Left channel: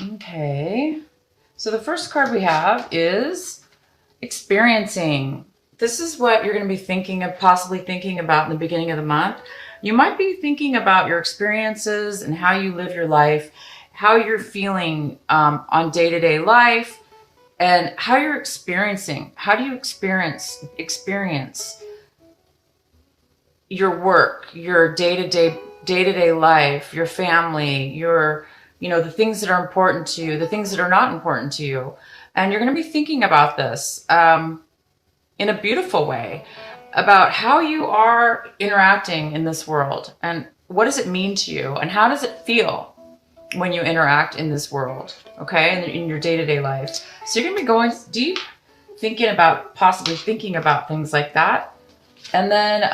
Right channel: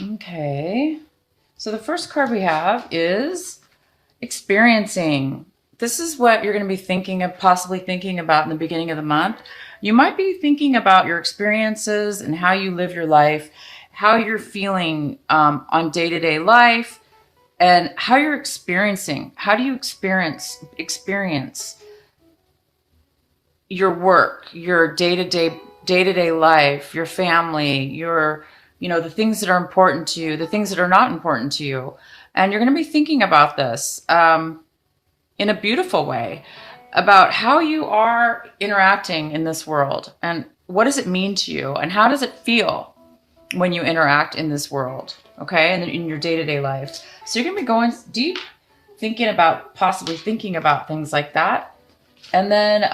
Okay. So the first card we have is experiencing. This is what you're going to be thinking of, possibly thinking about in the beginning of the month. You might be thinking about your experiences and how you live your life, how you're feeling on day-to-day life, and how you're experiencing. How do you experience your work, your day-to-day life, your family, your the things that are important to you, the things that are not important to you. And you're going to be thinking about this in a beautiful way about how you are interacting in this world and what does it mean to you and how does it feel when you interact in this world, okay, and in your day-to-day life. So you're going to be going deep, possibly thinking about things like that. And then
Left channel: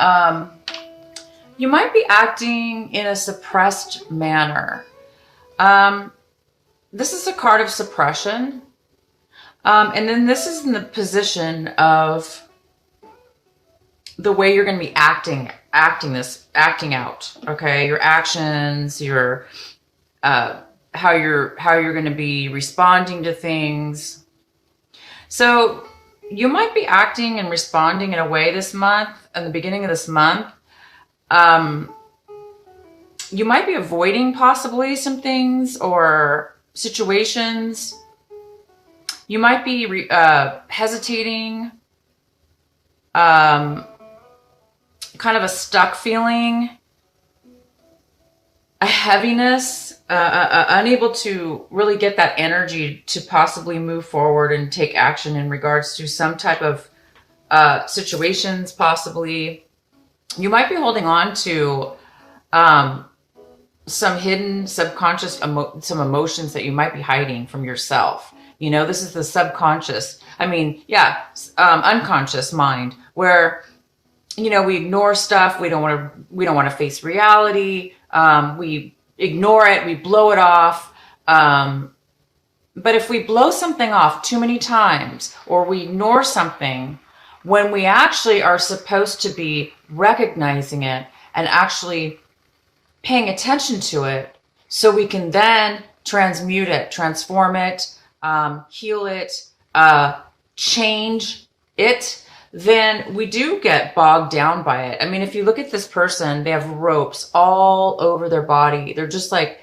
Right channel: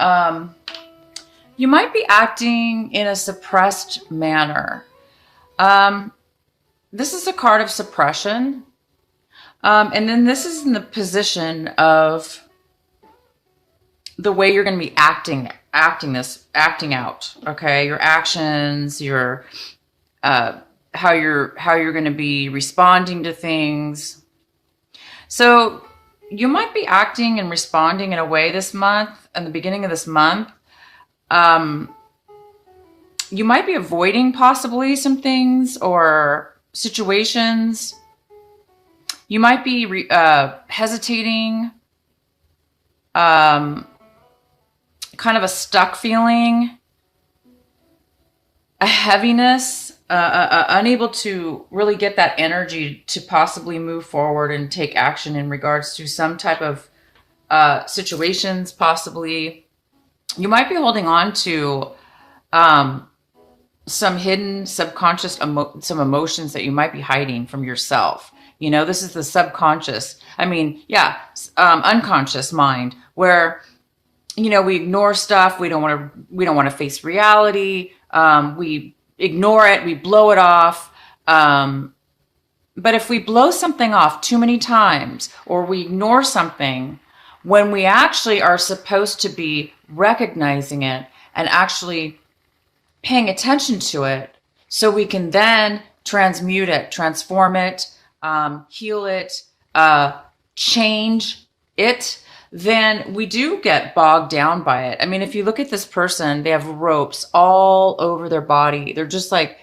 you might be acting in a suppressed manner. This is a card of suppression. And then this is in the position of the way you're going to be acting out. Okay. Your actions, your, how you're going to be responding to things. So you might be acting and responding in a way this month, at the beginning of this month. You might be avoiding possibly some things or situations. You might be hesitating, kind of a stuck feeling, a heaviness, unable to really get that energy to possibly move forward and take action in regards to some type of situations, possibly. You might be holding on to some hidden subconscious some emotions that you might be hiding from yourself. This is the subconscious. Unconscious mind where, we ignore stuff. We don't want to face reality. We ignore it. We blow it off. But if we blow something off too many times or we ignore something when we actually are supposed to be recognizing it and actually paying attention to it so we can then transmute it, transform it, heal it, change it, then we do get bogged down by it. I mean, if you look at this person, they have ropes all over their body. They're just like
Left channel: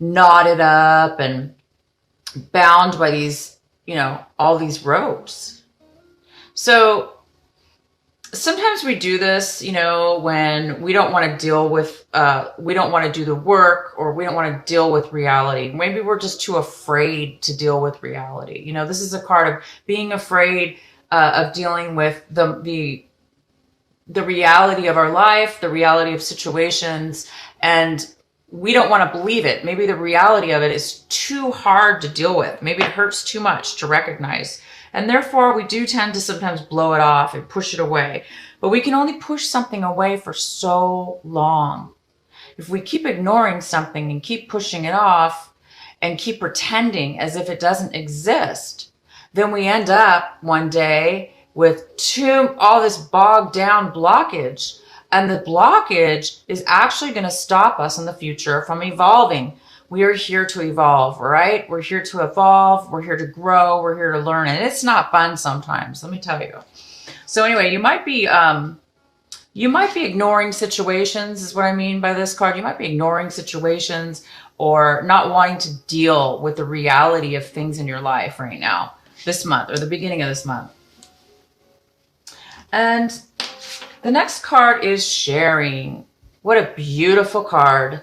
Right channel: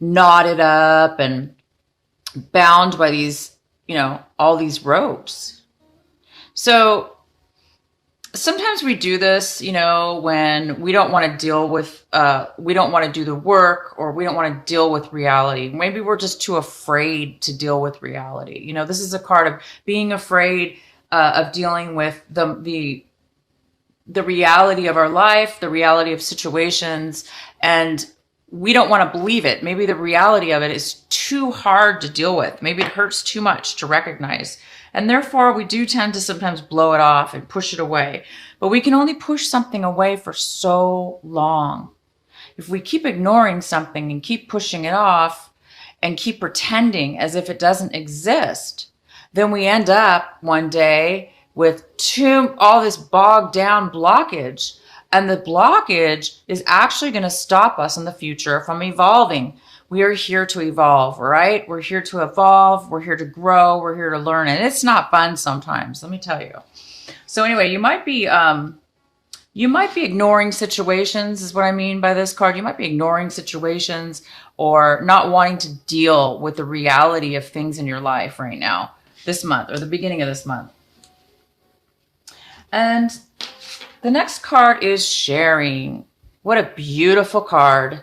knotted up and bound by these, all these ropes. So sometimes we do this, when we don't want to deal with, we don't want to do the work or we don't want to deal with reality. Maybe we're just too afraid to deal with reality. This is a card of being afraid of dealing with the reality of our life, the reality of situations, and we don't want to believe it. Maybe the reality of it is too hard to deal with. Maybe it hurts too much to recognize. And therefore, we do tend to sometimes blow it off and push it away. But we can only push something away for so long. If we keep ignoring something and keep pushing it off and keep pretending as if it doesn't exist, then we end up one day with all this bogged down blockage. And the blockage is actually going to stop us in the future from evolving. We are here to evolve, right? We're here to evolve. We're here to grow. We're here to learn. And it's not fun sometimes, let me tell you. So anyway, you might be ignoring situations is what I mean by this card. You might be ignoring situations or not wanting to deal with the reality of things in your life right now, this month or the beginning of this month. And the next card is sharing. What a beautiful card.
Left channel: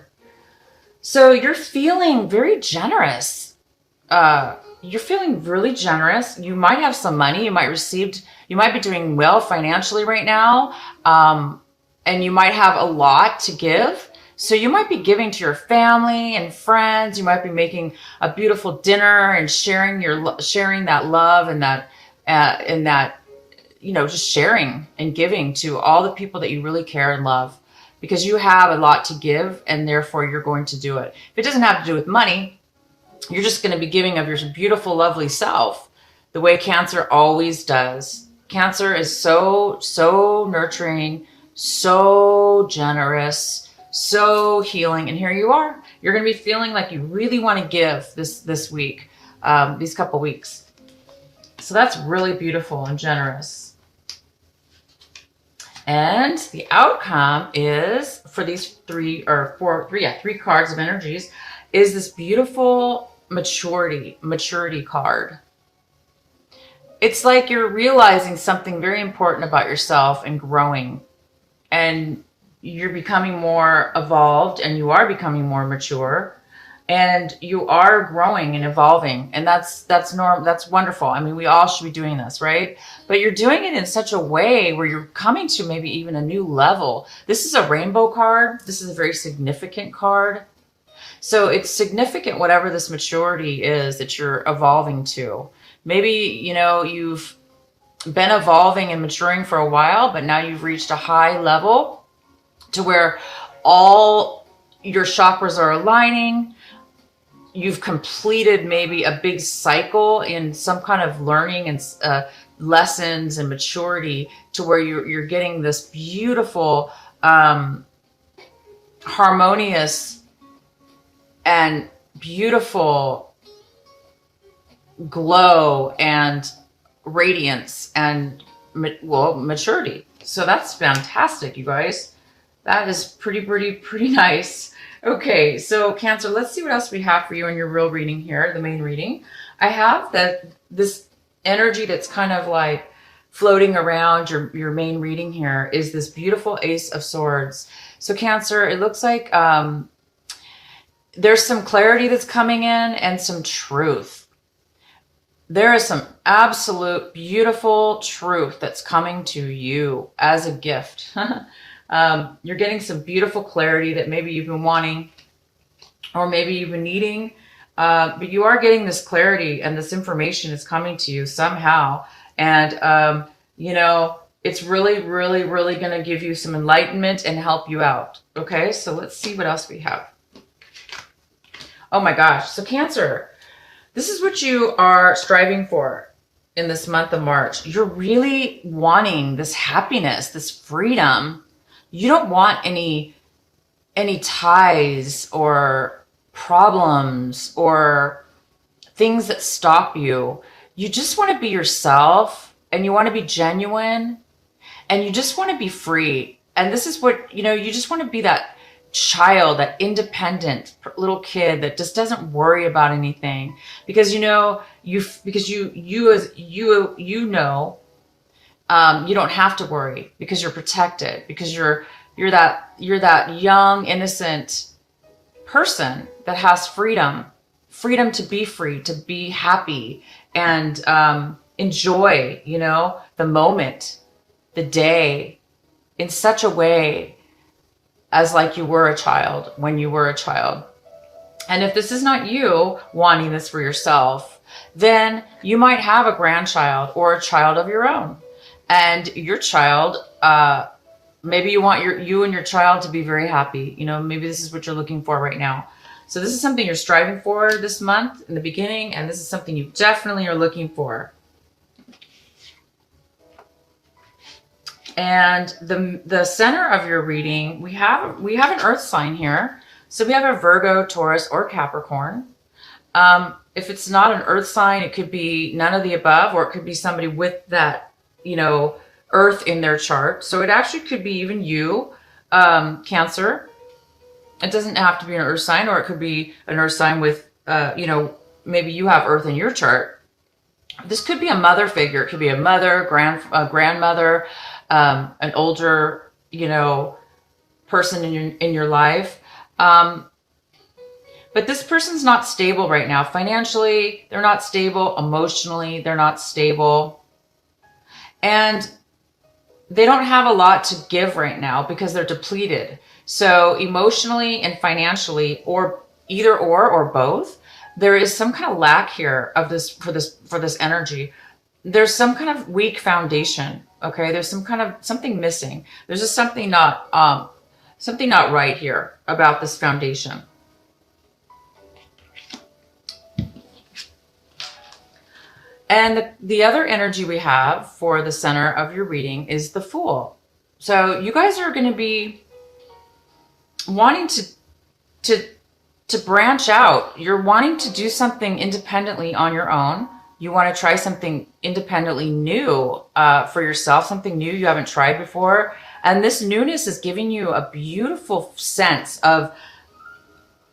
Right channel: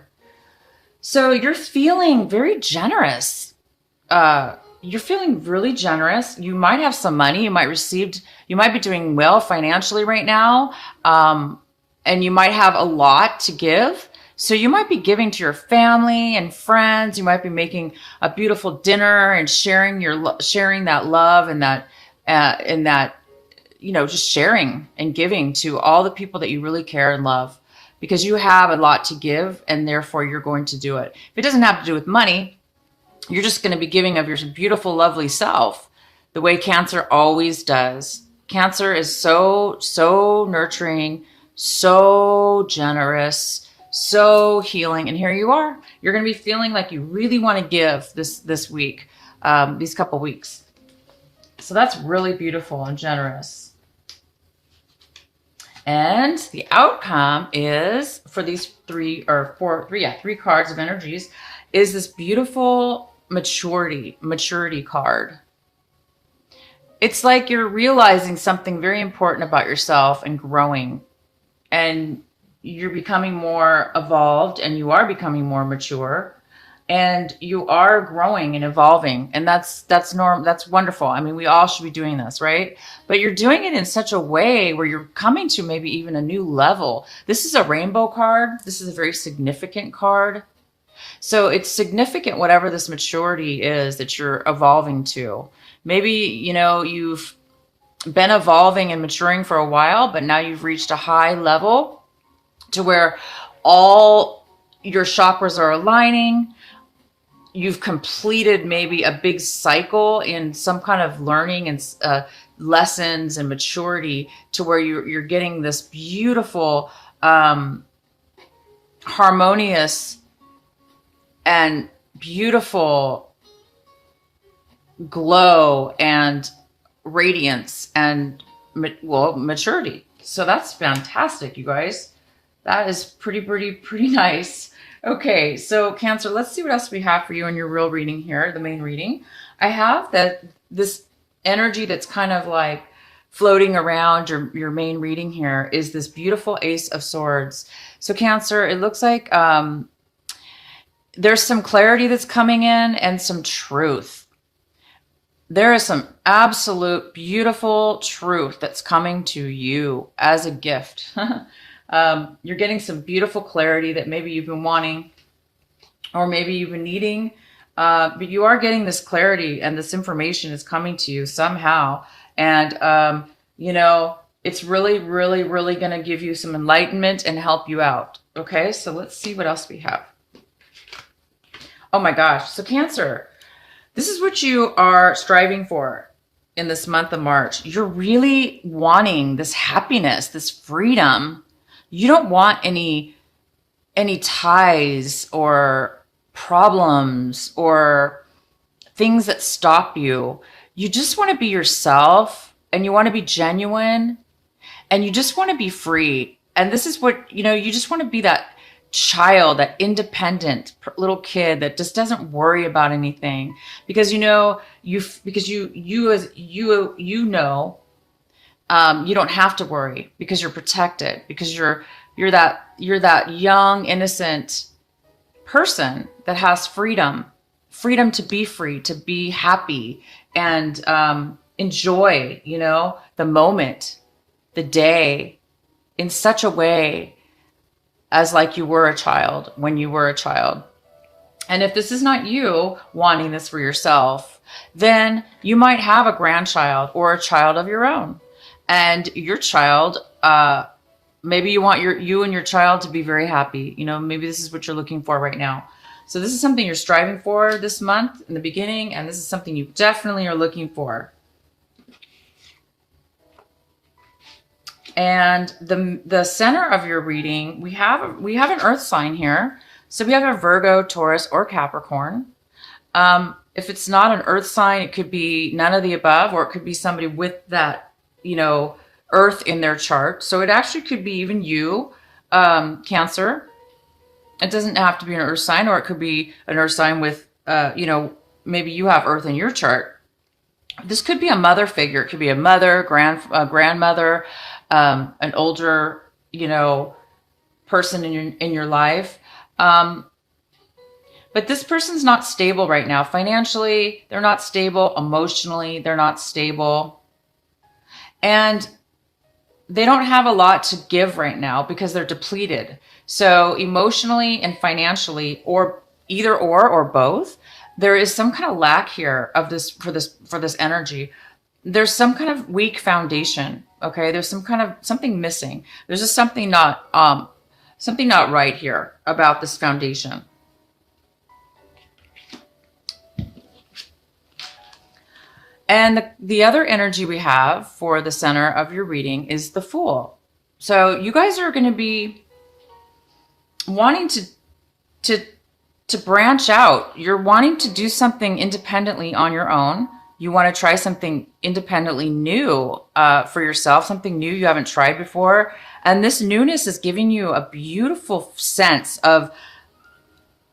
So you're feeling very generous. You're feeling really generous. You might have some money. You might be doing well financially right now. And you might have a lot to give. So you might be giving to your family and friends. You might be making a beautiful dinner and sharing that love and that, just sharing and giving to all the people that you really care and love. Because you have a lot to give and therefore you're going to do it. If it doesn't have to do with money, you're just going to be giving of your beautiful, lovely self the way Cancer always does. Cancer is so nurturing, so generous, so healing. And here you are. You're going to be feeling like you really want to give this week, these couple weeks. So that's really beautiful and generous. And the outcome is for these three cards of energies is this beautiful maturity card. It's like you're realizing something very important about yourself and growing, and you're becoming more evolved, and you are becoming more mature, and you are growing and evolving, and that's normal. That's wonderful. I mean, we all should be doing this, right? But you're doing it in such a way where you're coming to maybe even a new level. This is a rainbow card. This is a very significant card. So it's significant, whatever this maturity is that you're evolving to. Maybe, you've been evolving and maturing for a while, but now you've reached a high level to where all your chakras are aligning. You've completed maybe a big cycle in some kind of learning and lessons and maturity, to where you're getting this beautiful, harmonious and beautiful glow and radiance and maturity. So that's fantastic, you guys. That is pretty nice. Okay, so Cancer, let's see what else we have for you in your real reading here, the main reading. I have this energy that's kind of like floating around your main reading here is this beautiful Ace of Swords. So Cancer, it looks like there's some clarity that's coming in and some truth. There is some absolute beautiful truth that's coming to you as a gift. You're getting some beautiful clarity that maybe you've been wanting, or maybe you've been needing, but you are getting this clarity, and this information is coming to you somehow. And, it's really going to give you some enlightenment and help you out. Okay, so let's see what else we have. Oh my gosh. So Cancer, this is what you are striving for in this month of March. You're really wanting this happiness, this freedom. You don't want any ties or problems or things that stop you. You just want to be yourself, and you want to be genuine, and you just want to be free. And this is what, you just want to be that child, that independent little kid that just doesn't worry about anything, because you don't have to worry, because you're protected, because you're that young innocent person that has freedom to be free, to be happy, and enjoy the moment, the day, in such a way as like you were a child when you were a child. And if this is not you wanting this for yourself, then you might have a grandchild or a child of your own. And your child, maybe you want you and your child to be very happy. Maybe this is what you're looking for right now. So this is something you're striving for this month in the beginning, and this is something you definitely are looking for. And the center of your reading, we have an earth sign here. So we have a Virgo, Taurus, or Capricorn. If it's not an earth sign, it could be none of the above, or it could be somebody with that, earth in their chart. So it actually could be even you, Cancer. It doesn't have to be an earth sign, or it could be an earth sign with, maybe you have earth in your chart. This could be a mother figure. It could be a mother, grandmother, an older, person in your life. But this person's not stable right now. Financially, they're not stable. Emotionally, they're not stable. And they don't have a lot to give right now because they're depleted. So emotionally and financially, or either or both, there is some kind of lack here of this for this energy. There's some kind of weak foundation. Okay, there's something missing. There's just something not right here about this foundation. And the other energy we have for the center of your reading is the Fool. So you guys are going to be wanting to to branch out. You're wanting to do something independently on your own. You want to try something independently new for yourself, something new you haven't tried before. And this newness is giving you a beautiful sense of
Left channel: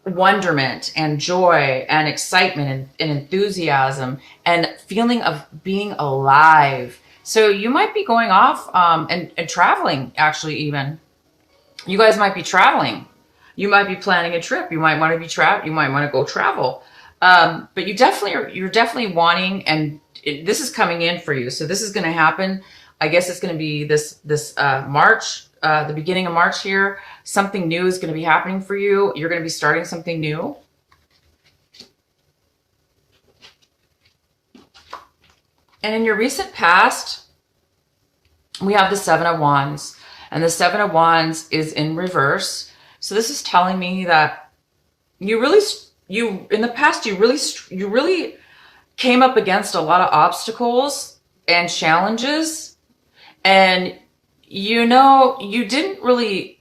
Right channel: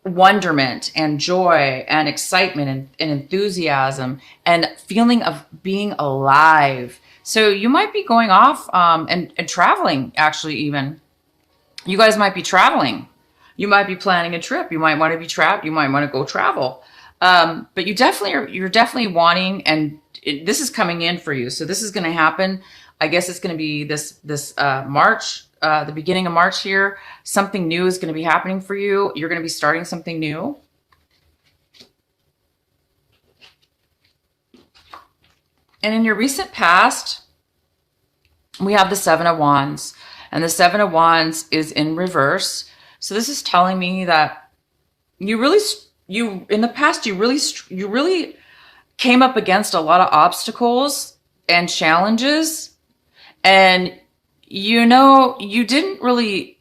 wonderment and joy and excitement and enthusiasm and feeling of being alive. So you might be going off and traveling, actually, even. You guys might be traveling. You might be planning a trip. You might want to be trapped. You might want to go travel. But you're definitely wanting, and this is coming in for you. So this is going to happen. I guess it's going to be this March, the beginning of March here. Something new is going to be happening for you. You're going to be starting something new. And in your recent past, we have the Seven of Wands, and the Seven of Wands is in reverse. So this is telling me that in the past, you really came up against a lot of obstacles and challenges, and you didn't really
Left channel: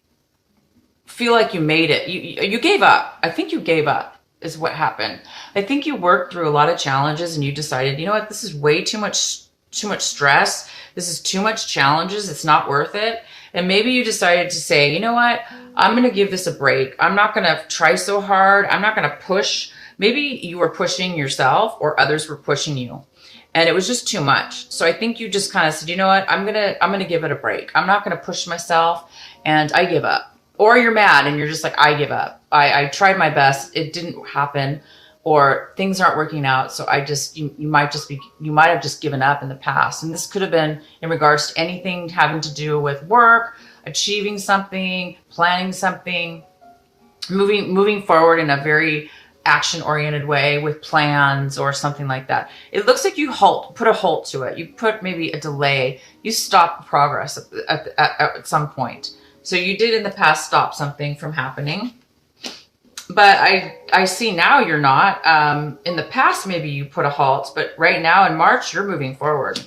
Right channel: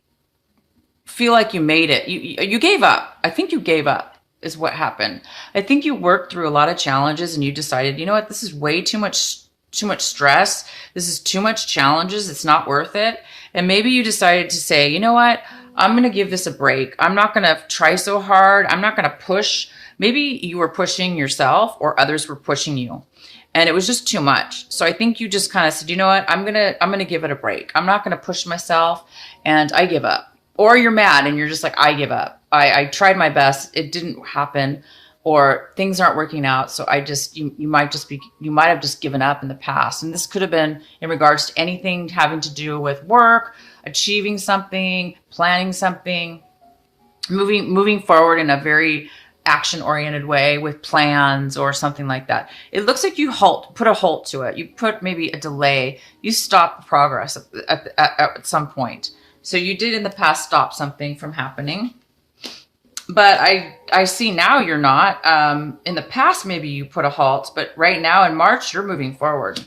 feel like you made it. You gave up. I think you gave up is what happened. I think you worked through a lot of challenges and you decided, you know what, this is way too much stress. This is too much challenges. It's not worth it. And maybe you decided to say, you know what, I'm going to give this a break. I'm not going to try so hard. I'm not going to push. Maybe you were pushing yourself or others were pushing you and it was just too much. So I think you just kind of said, you know what, I'm going to give it a break. I'm not going to push myself and I give up. Or you're mad and you're just like, I give up. I tried my best. It didn't happen, or things aren't working out. So you might have just given up in the past. And this could have been in regards to anything having to do with work, achieving something, planning something, moving forward in a very action-oriented way with plans or something like that. It looks like you put a halt to it. You put maybe a delay. You stop progress at some point. So you did in the past stop something from happening. But I see now you're not. In the past, maybe you put a halt, but right now in March, you're moving forward.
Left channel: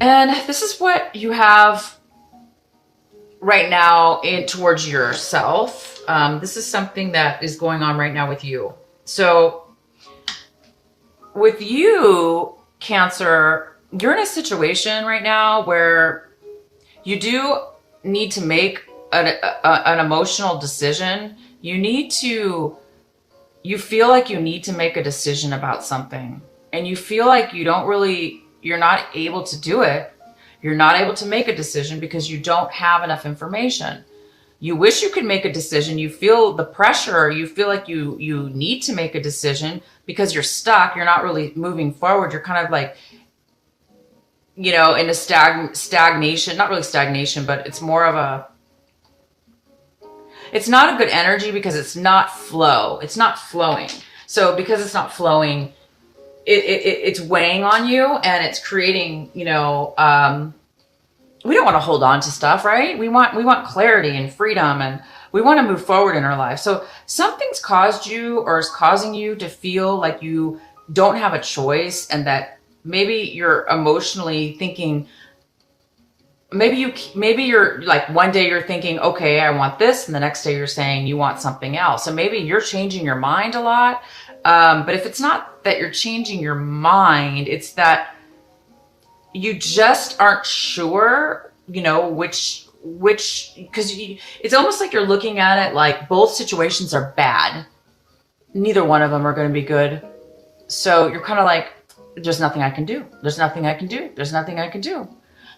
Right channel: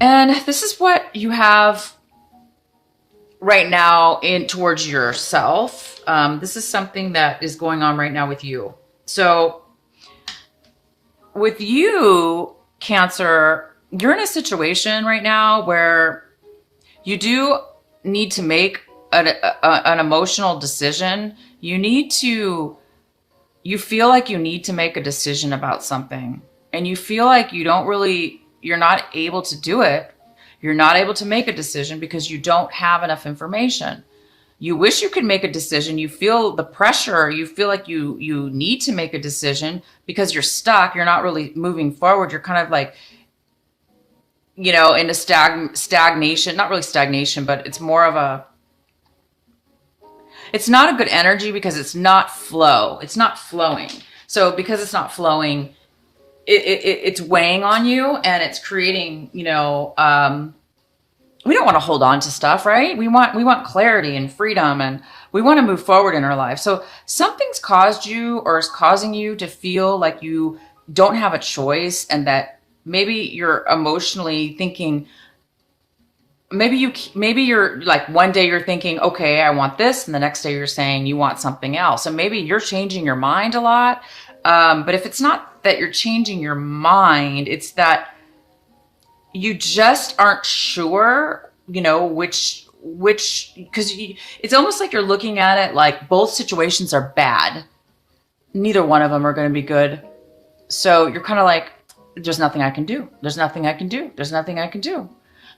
And this is what you have right now towards yourself. This is something that is going on right now with you. So with you, Cancer, you're in a situation right now where you do need to make an emotional decision. You feel like you need to make a decision about something, and you feel like you're not able to do it. You're not able to make a decision because you don't have enough information. You wish you could make a decision. You feel the pressure. You feel like you need to make a decision because you're stuck. You're not really moving forward. You're kind of like, in a stagnation, not really stagnation, but it's more of it's not a good energy because it's not flow. It's not flowing. So because it's not flowing, it's weighing on you and it's creating, we don't want to hold on to stuff, right? We want clarity and freedom, and we want to move forward in our life. So something's caused you or is causing you to feel like you don't have a choice, and that maybe you're emotionally thinking, maybe you're like, one day you're thinking, okay, I want this. And the next day you're saying you want something else. So maybe you're changing your mind a lot. But if it's not that you're changing your mind, it's that you just aren't sure, which, because it's almost like you're looking at it like both situations are bad. Neither one of them are going to be good. So you're kind of like, there's nothing I can do. There's nothing I can do. There's nothing I can do.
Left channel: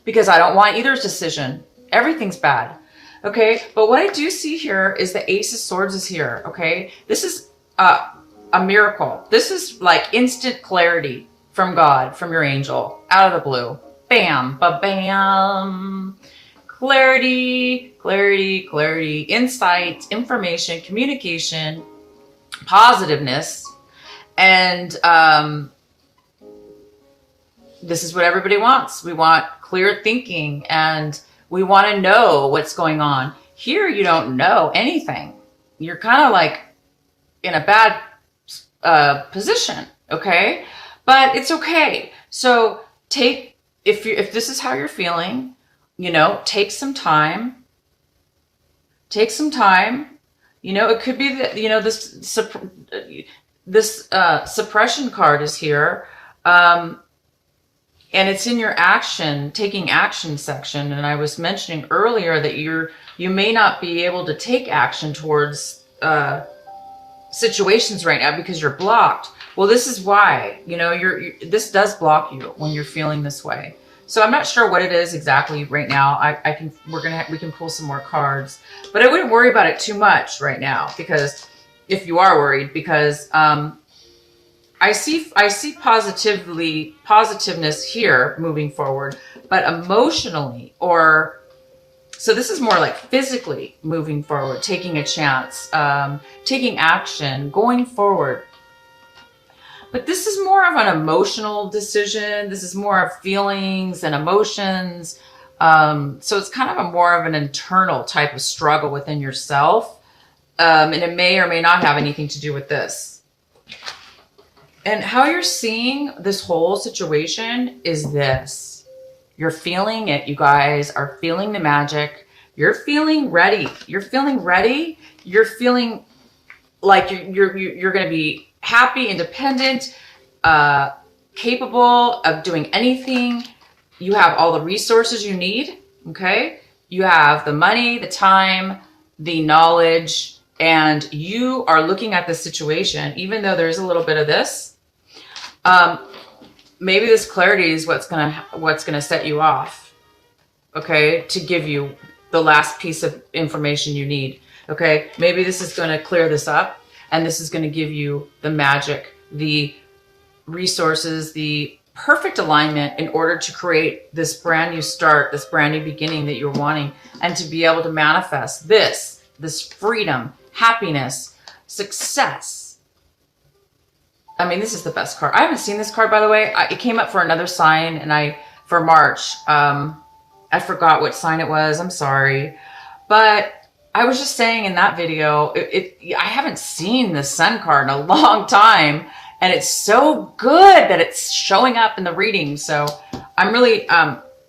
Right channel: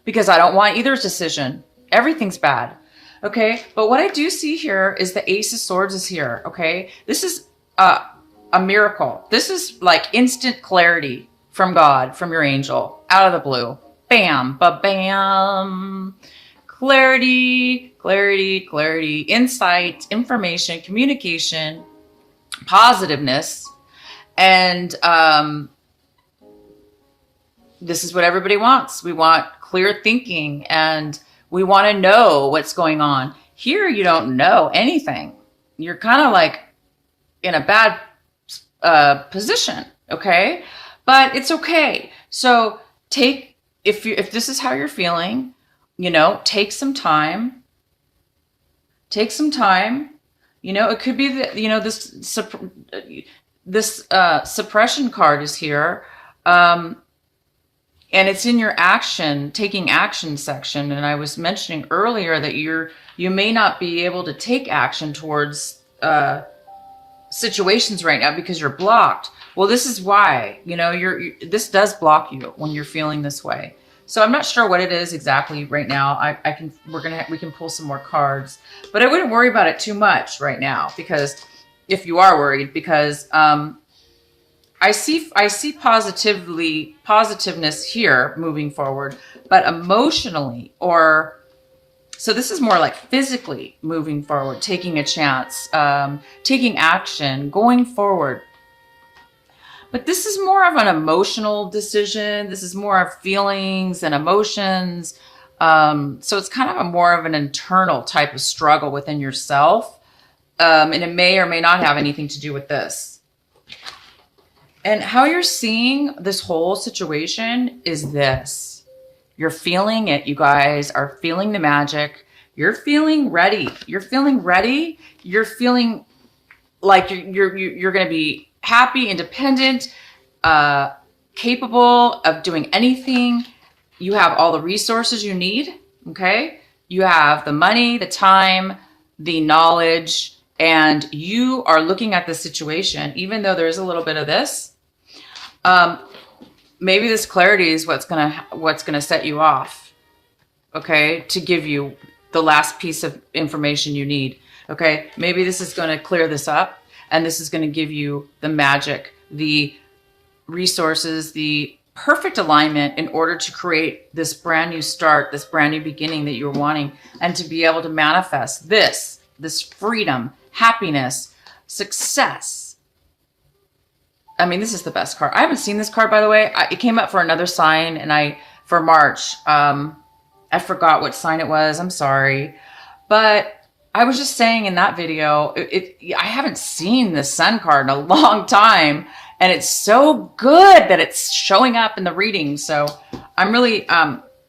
Because I don't want either decision. Everything's bad. Okay. But what I do see here is the Ace of Swords is here. Okay. This is a miracle. This is like instant clarity from God, from your angel, out of the blue. Bam, ba-bam. Clarity, clarity, clarity, insight, information, communication, positiveness. And this is what everybody wants. We want clear thinking, and we want to know what's going on. Here, you don't know anything. You're kind of like in a bad position, okay? But it's okay. So if this is how you're feeling, take some time Take some time. You know, it could be that, you know, this suppression card is here. And it's in your taking action section. And I was mentioning earlier that you may not be able to take action towards situations right now because you're blocked. Well, this is why, you know, this does block you when you're feeling this way. So I'm not sure what it is exactly right now. We can pull some more cards, but I wouldn't worry about it too much right now, because if you are worried, because I see positiveness here moving forward, but emotionally, so this is more like physically moving forward, taking a chance, taking action, going forward. But this is more of an emotional decision. This is more of feelings and emotions. So it's kind of more of an internal type of struggle within yourself. And it may or may not have anything to do with this. And how you're seeing this whole situation is this. You're feeling it. You guys are feeling the magic. You're feeling ready. You're feeling ready. You're feeling like you're going to be happy, independent, capable of doing anything. You have all the resources you need. Okay. You have the money, the time, the knowledge, and you are looking at the situation, even though there's a little bit of this. Maybe this clarity is what's gonna set you off. Okay, to give you the last piece of information you need. Okay, maybe this is going to clear this up, and this is going to give you the magic, the resources, the perfect alignment in order to create this brand new start, this brand new beginning that you're wanting, and to be able to manifest this freedom, happiness, success. I mean, this is the best card. I haven't seen this card, by the way. It came up for another sign, and for March. I forgot what sign it was. I'm sorry. But I was just saying in that video, I haven't seen the Sun card in a long time. And it's so good that it's showing up in the reading. So I'm really,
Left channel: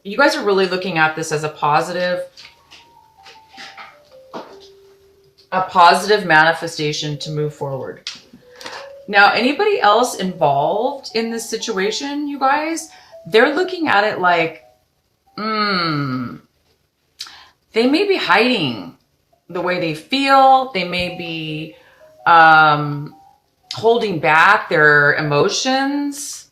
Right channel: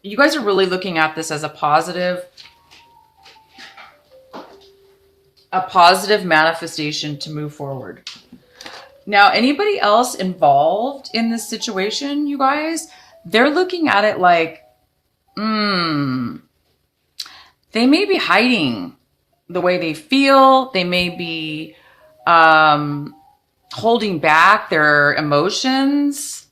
you guys are really looking at this as a positive manifestation to move forward. Now, anybody else involved in this situation, you guys, they're looking at it like, they may be hiding the way they feel. They may be holding back their emotions.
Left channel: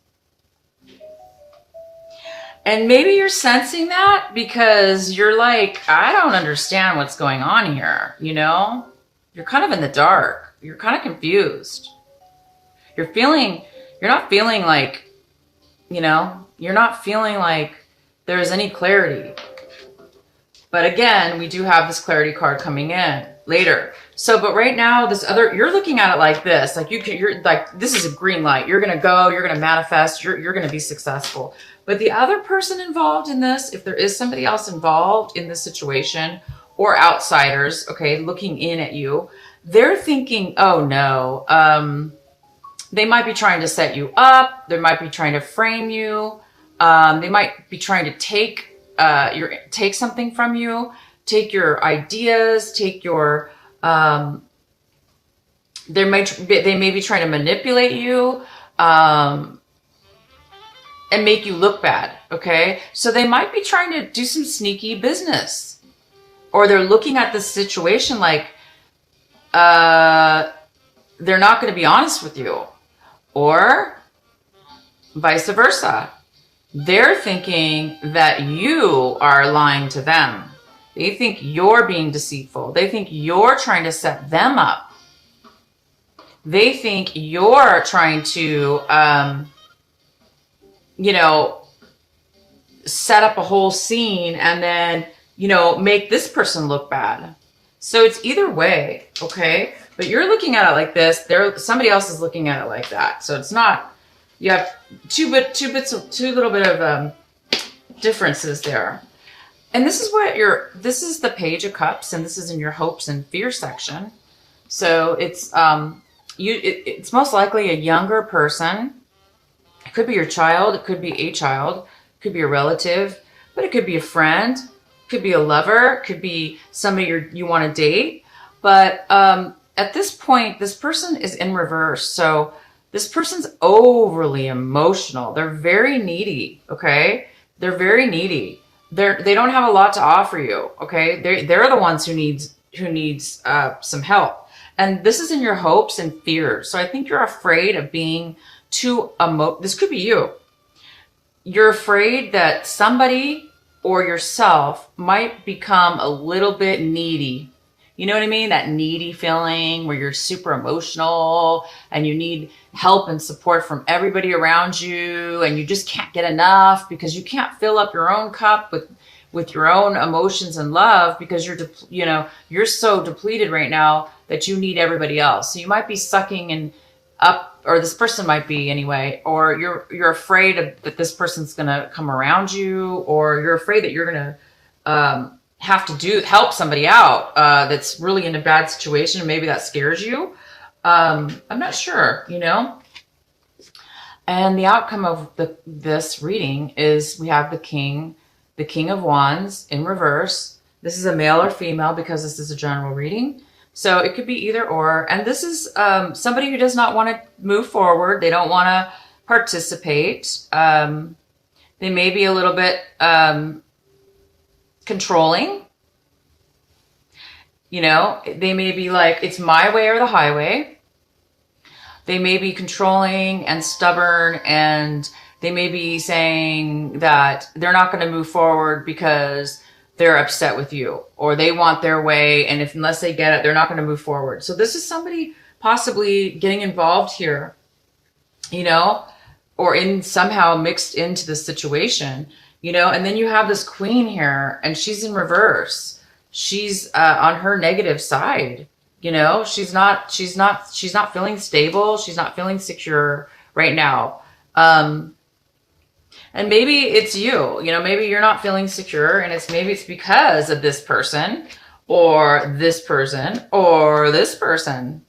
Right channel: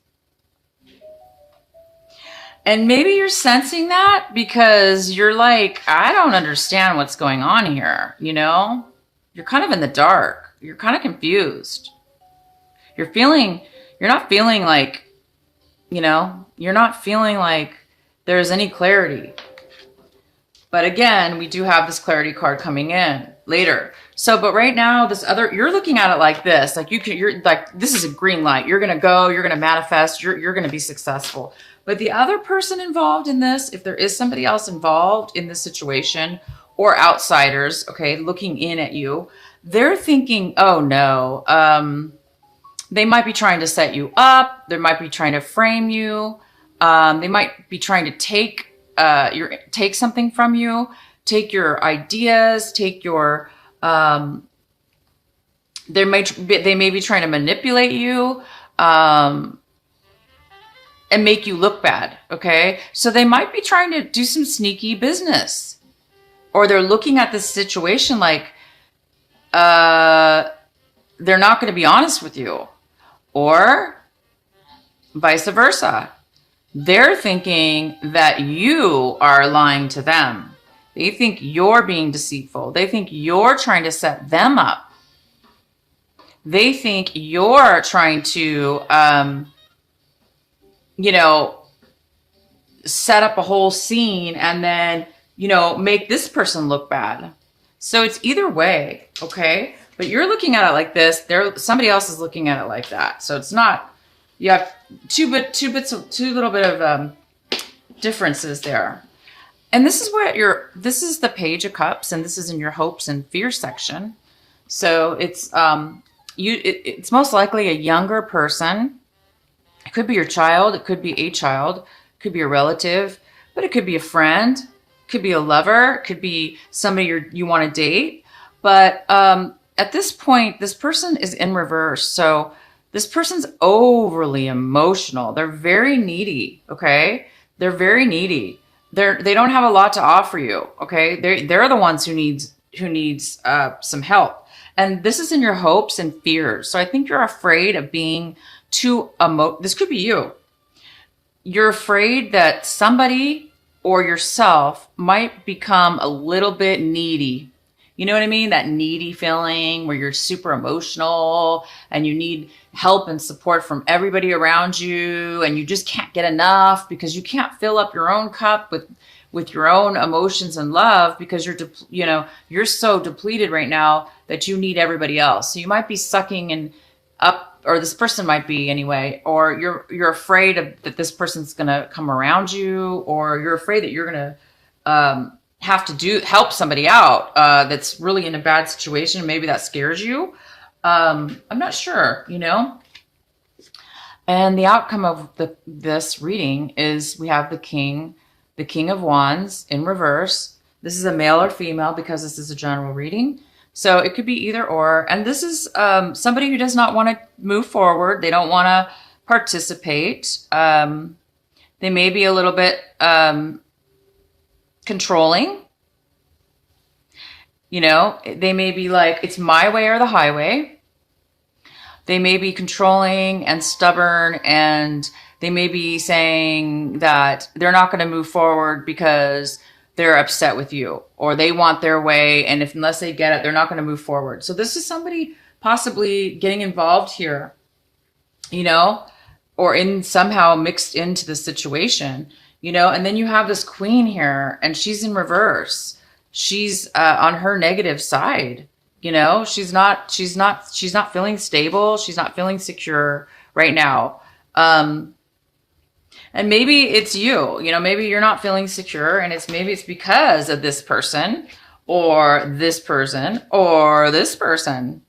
And maybe you're sensing that because you're like, I don't understand what's going on here. You know, you're kind of in the dark. You're kind of confused. You're not feeling like, you know, you're not feeling like there's any clarity. But again, we do have this clarity card coming in later. So, but right now, you're looking at it like this, like you're like, this is a green light. You're going to go, you're going to manifest, you're going to be successful. But the other person involved in this, if there is somebody else involved in this situation or outsiders, okay, looking in at you, they're thinking, oh no, they might be trying to set you up. They might be trying to frame you. They might be trying to take something from you, take your ideas, take your, they may be trying to manipulate you, and make you look bad. Okay. So they might be trying to do some sneaky business, or they're looking at this situation like, they're not going to be honest with you, or vice versa. They're thinking that you are lying to them. They think you're being deceitful. They think you're trying to set them up. They think you're trying to, set up a whole scene and then, make this person look bad. So it's either way, okay? But you're looking at it like this. Somebody else is looking at it like that. So it's not. You have two little bit of differences there. And this is this is the Page of Cups, and this is in your hopes and fear section. So it's it's most likely a younger person. It could be your child, it could be a child, it could be a relative, but it could be a friend. Could be a lover, could be somebody you want to date. But at this point, this person is in reverse. So this person's overly emotional. They're very needy. Okay. They're very needy. They don't have a lot to offer you. Okay. They're the ones who needs some help. And this is in your hopes and fears. So I think you're afraid of being too this could be you. You're afraid that somebody or yourself might become a little bit needy. You know what I mean? That needy feeling where you're super emotional and you need help and support from everybody around you, and you just can't get enough because you can't fill up your own cup with your own emotions and love, because you're so depleted right now that you need everybody else. So you might be sucking and up, or this person might be anyway, or you're afraid that this person's going to come around you, or you're afraid that you're going to have to help somebody out that's really in a bad situation. Maybe that scares you. I'm not sure, And the outcome of this reading is we have the King of Wands in reverse. This is a male or female because this is a general reading. So it could be either or. And this is somebody who does not want to move forward. They don't want to participate. They may be a little bit controlling. They may be like, it's my way or the highway. They may be controlling and stubborn, and they may be saying that they're not going to move forward because they're upset with you, or they want their way, and unless they get it, they're not going to move forward. So this is somebody possibly getting involved here, or somehow mixed into the situation, and then you have this Queen here, and she's in reverse. She's on her negative side. She's not feeling stable. She's not feeling secure right now. And maybe it's you, maybe you're not feeling secure, and maybe it's because of this person or this person or this person.